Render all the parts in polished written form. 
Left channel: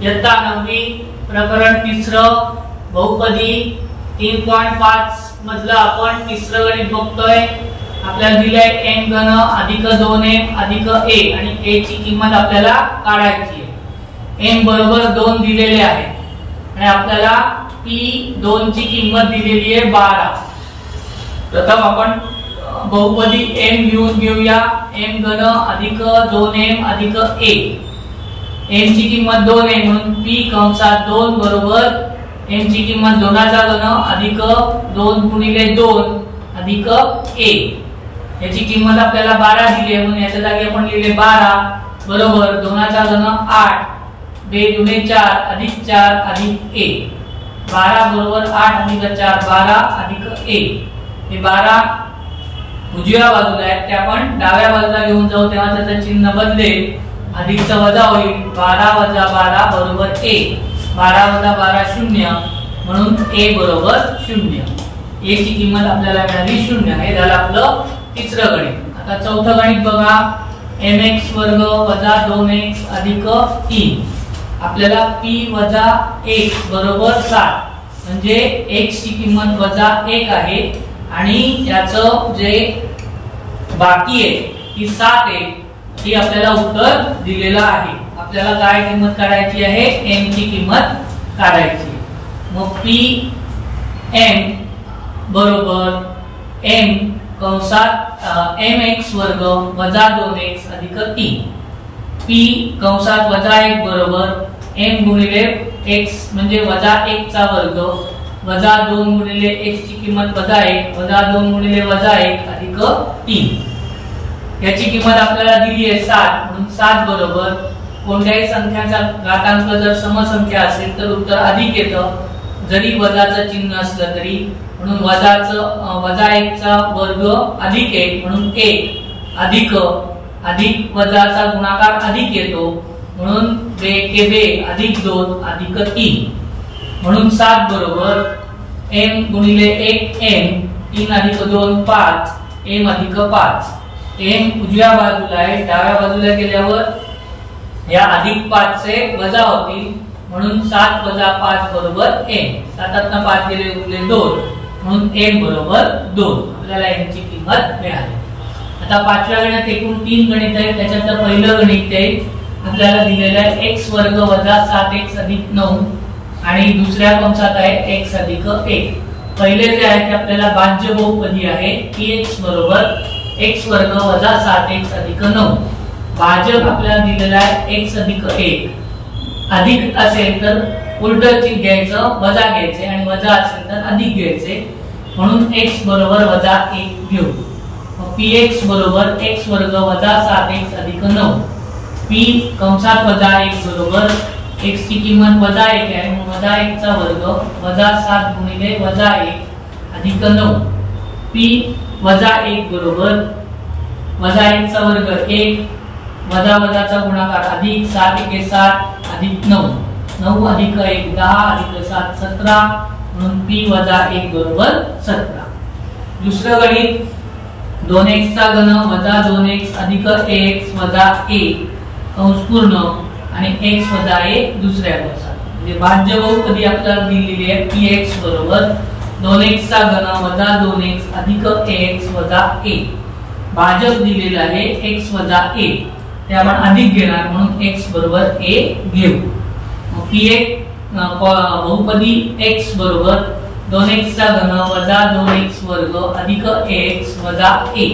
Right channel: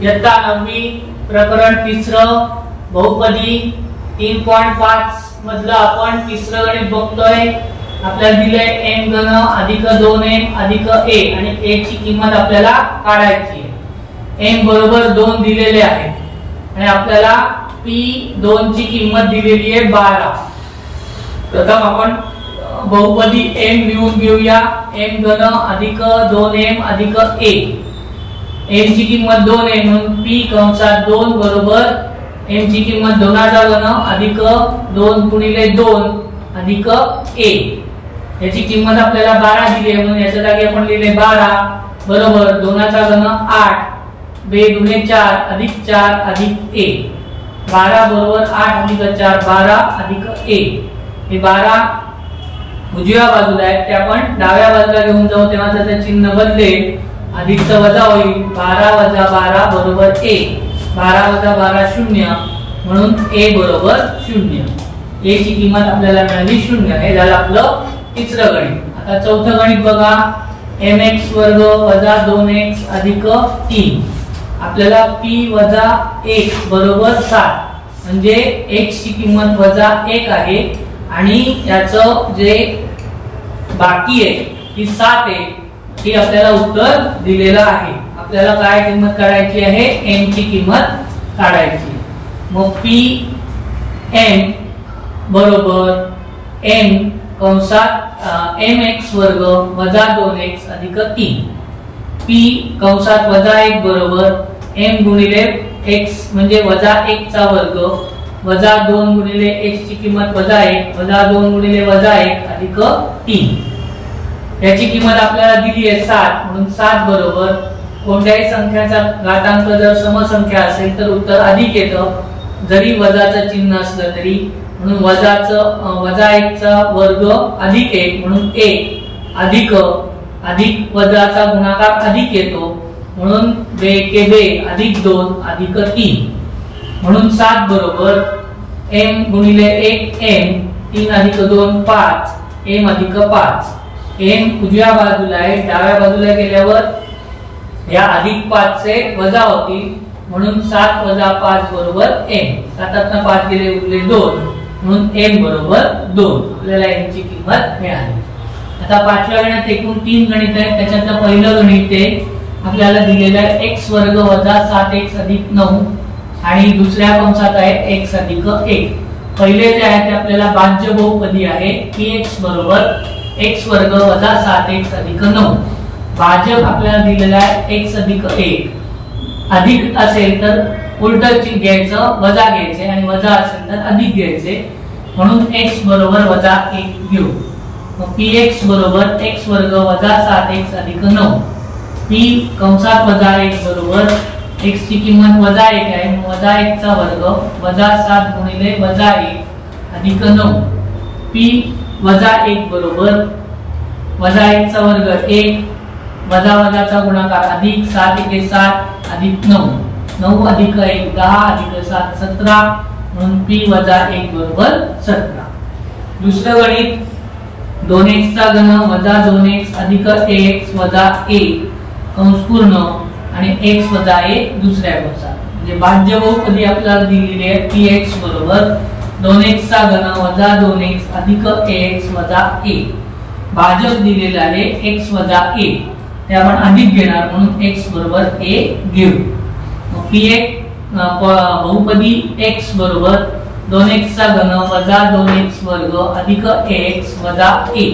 इयत्ता 9वी प्रकरण 3 बहुपदी 3.5 मधलं आपण तिसरं गणित बघतोय। आपल्याला दिलंय n घन अधिक 2m अधिक a आणि a ची किंमत आपल्याला काढायची आहे। m बरोबर 2 दिलेले आहे आणि आपल्याला p2 ची किंमत दिलेली आहे 12। प्रथम आपण बहुपदी m लिहून घेऊया। m घन अधिक 2m अधिक a, m ची किंमत 2 आहे म्हणून p कंसात 2 बरोबर m ची किंमत 2 चा घन अधिक 2 गुणिले 2 अधिक a, याची किंमत आपल्याला 12 दिली आहे म्हणून याच्या जागी आपण लिहिले 12 बरोबर 2 चा घन 8 2 गुणे 4 अधिक 4 अधिक a, 12 बरोबर 8 अधिक 4 12 अधिक a। हे 12 उजव्या बाजूला आहे ते आपण डाव्या बाजूला घेऊन जाऊ तेव्हा त्याचे चिन्ह बदलेल, अधिकचा वजा होईल। 12 वजा 12 बरोबर a, 12 वजा 12 0 म्हणून a बरोबर 0। a ची किंमत आपल्याला मिळाली 0। हे झालं आपलं तिसरं गणित। आता चौथं गणित बघा। mx वर्ग वजा 2x अधिक 3, आपल्याला p वजा 1 बरोबर 7 म्हणजे x ची किंमत वजा 1 आहे आणि याचं जे बाकी आहे ती 7 आहे, ही आपल्याला उत्तर दिलेलं आहे। आपल्याला काय किंमत काढायची आहे? m ची किंमत काढायची। मग p m बरोबर m कंसात mx वर्ग वजा 2x अधिक 3, p कंसात वजा 1 बरोबर m गुणिले x म्हणजे वजा 1 चा वर्ग वजा 2 गुणिले x ची किंमत वजा 1 वजा 2 गुणिले वजा 1 अधिक 3, याची किंमत आपल्याला दिली आहे 7 म्हणून 7 बरोबर कोणत्याही संख्याचा घातांक जर समसंख्या असेल तर उत्तर अधिक येतं, जरी वजाचं चिन्ह असलं तरी, म्हणून वजा 1 चा वर्ग अधिक 1 म्हणून 1 अधिक अधिक वजाचा गुणाकार अधिक येतो म्हणून 2 के 2 अधिक 2 अधिक 3 म्हणून 7 बरोबर m गुणिले 1 m 3 अधिक 2 5 m अधिक 5। m उजव्या बाजूला आहे, डाव्या बाजूला गेल्यावर या अधिक 5 चे वजा होतील म्हणून 7 वजा 5 बरोबर m, 7 5 गेले उरले 2 म्हणून m बरोबर 2। आपल्याला m ची किंमत मिळाली। आता पाचव्या गणितात एकूण 3 गणित आहेत, त्याच्यातलं पहिलं गणित आहे आपल्याला दिलेलं आहे x वर्ग वजा 7x अधिक 9 आणि दुसऱ्या कंसात आहे x अधिक 1। पहिले जे आहे ते आपल्याला भाज्य बहुपदी आहे px बरोबर x वर्ग वजा 7x अधिक 9। भाजक आपल्याला दिलेला आहे x अधिक 1, अधिक असेल तर उलट चिन्ह घ्यायचं वजा घ्यायचे आणि वजा असेल तर अधिक घ्यायचे म्हणून x बरोबर वजा 1 घेऊ। मग px बरोबर x वर्ग वजा 7x अधिक 9, p कंसात वजा 1 बरोबर x ची किंमत वजा 1 आहे मग वजा 1 चा वर्ग वजा 7 गुणिले वजा 1 अधिक 9, p वजा 1 बरोबर वजा 1 चा वर्ग 1 वजा वजाचा गुणाकार अधिक 7 1 7 अधिक 9, 9 अधिक 1 10 अधिक 7 17 म्हणून p वजा 1 बरोबर 17। दुसरं गणित 2x चा घन वजा 2x अधिक ax वजा a कंस पूर्ण आणि x वजा a दुसऱ्या कंसात, म्हणजे भाज्य बहुपदी आपल्याला दिलेली आहे px बरोबर 2x चा घन वजा 2x अधिक ax वजा a, भाजक दिलेला आहे x वजा a, ते आपण अधिक घेणार म्हणून x बरोबर a घेऊ। मग px बहुपदी x बरोबर 2x चा घन वजा 2x वर्ग अधिक ax वजा a,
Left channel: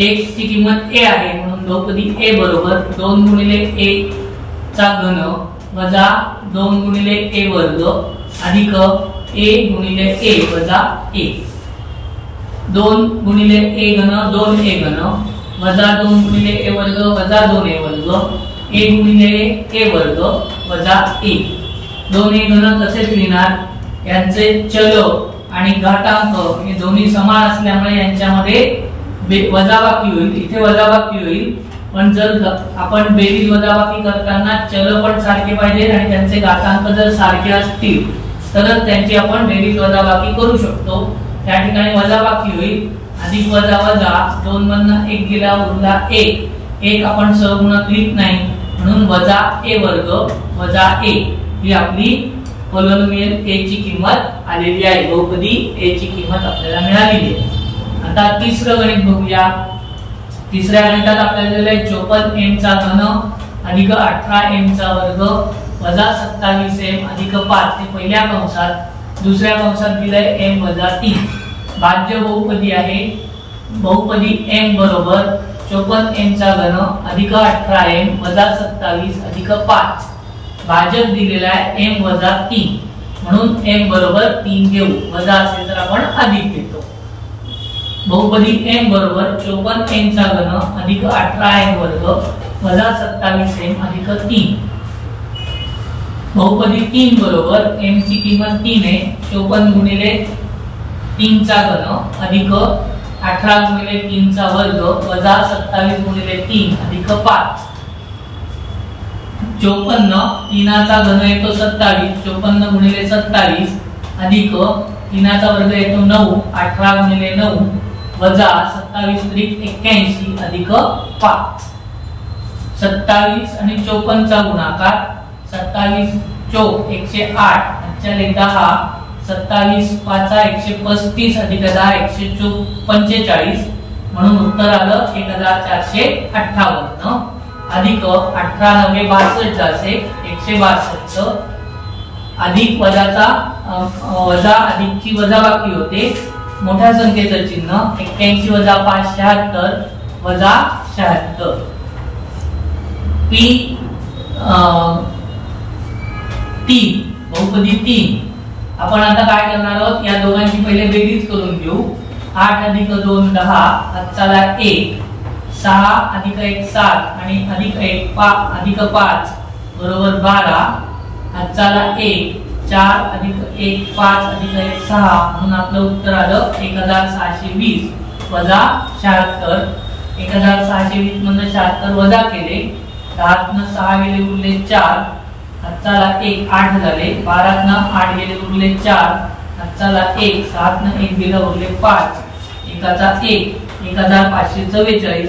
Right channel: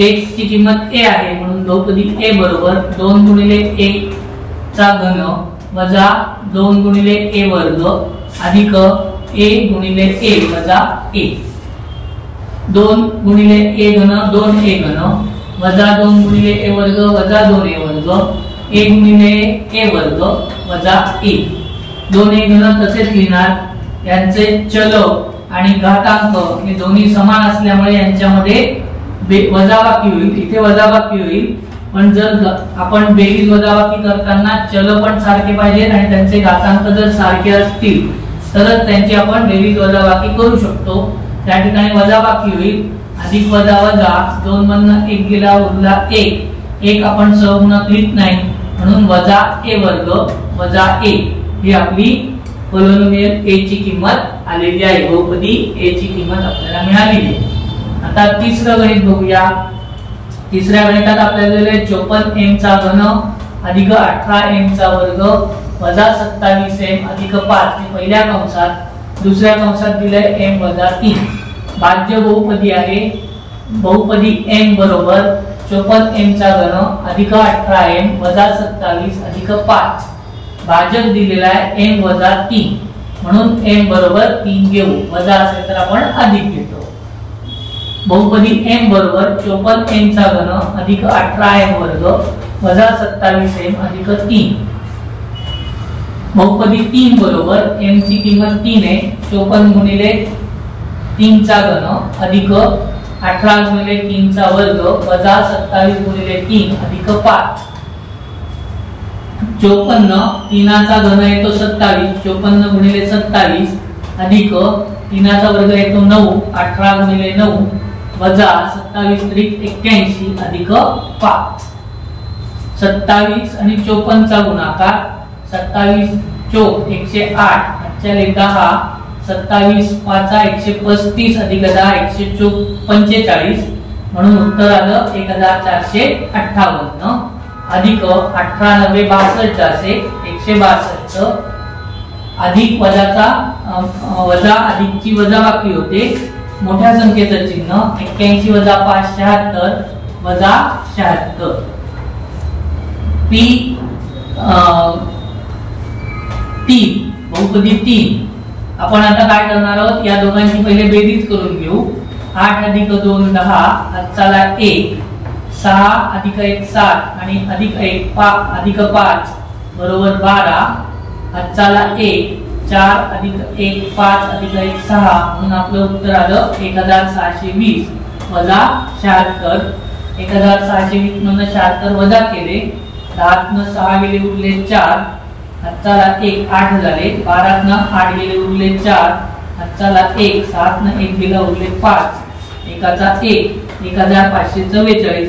x ची किंमत a आहे म्हणून बहुपदी a बरोबर 2 गुणिले a चा घन वजा 2 गुणिले a वर्ग अधिक a गुणिले a वजा a, 2 गुणिले a घन 2a घन वजा 2 गुणिले a वर्ग वजा 2a वर्ग a गुणिले a वर्ग वजा a, 2a घन तसेच लिहिणार, यांचे चल आणि घातांक हे दोन्ही समान असल्यामुळे यांच्यामध्ये वजाबाकी होईल, इथे वजाबाकी होईल, पण जर आपण बेरीज वजाबाकी करताना चल पण सारखे पाहिजेत आणि त्यांचे घातांक जर सारखे असतील तरच त्यांची आपण बेरीज वजाबाकी करू शकतो। त्या ठिकाणी वजाबाकी होईल, अधिक वजा वजा 2 मधनं 1 गेला उरला 1, 1 आपण सहगुणक लिहित नाही म्हणून वजा a वर्ग वजा a ही आपली पॉलिनोमियल a ची किंमत आलेली आहे. बहुपदी a ची किंमत आपल्याला मिळालेली आहे. आता तिसरं गणित बघूया. तिसऱ्या गणितात आपल्याला दिलेलं आहे 54m चा घन अधिक 18m चा वर्ग वजा 27m अधिक 5 हे पहिल्या कंसात. दुसऱ्या कंसात दिलंय m वजा 3. भाज्य बहुपदी आहे. बहुपदी m बरोबर 54m चा घन अधिक 18m वजा 27 अधिक 5. भाजक दिलेला आहे m वजा 3 म्हणून m बरोबर 3 घेऊ. वजा असेल तर आपण अधिक घेतो. बहुपदी m बरोबर 54m चा घन अधिक 18m वर्ग वजा 27m अधिक 3. बहुपदी 3 बरोबर m ची किंमत 3 आहे. 54 गुणिले 3 चा घन अधिक 18 गुणिले 3 चा वर्ग वजा 27 गुणिले 3 अधिक 5. 54 3चा घन येतो 27. 54 गुणिले 27 अधिक 3चा वर्ग येतो 9. 18 गुणिले 9 वजा 27 त्रिक 81 अधिक 5. 27 आणि 54 चा गुणाकार. 27 चोक 108 5 10. 27 5 135 अधिक 10 145 म्हणून उत्तर आलं 1458 अधिक 18 9 62 असे 162 अधिक वजाचा वजा अधिकची वजाबाकी होते. मोठ्या संख्येचं चिन्ह 81 वजा 5 76 वजा 76. पी 3 बहुपदी 3. आपण आता काय करणार आहोत या दोघांची पहिले बेरीज करून घेऊ. 8 अधिक 2 10 हातचाला 1 6 अधिक 1 7 आणि अधिक 1 अधिक 5 बरोबर 12 हातचाला 1 4 अधिक 1 5 अधिक 1 6 म्हणून आपलं उत्तर आलं 1620 वजा 76. 1620 मधून 76 वजा केले 10 न 6 गेले उरले 4 हातचाला 1 8 झाले. 12 न 8 गेले उरले 4 हातचाला 1 7 न 1 गेला उरले 5 एकाचा 1 1544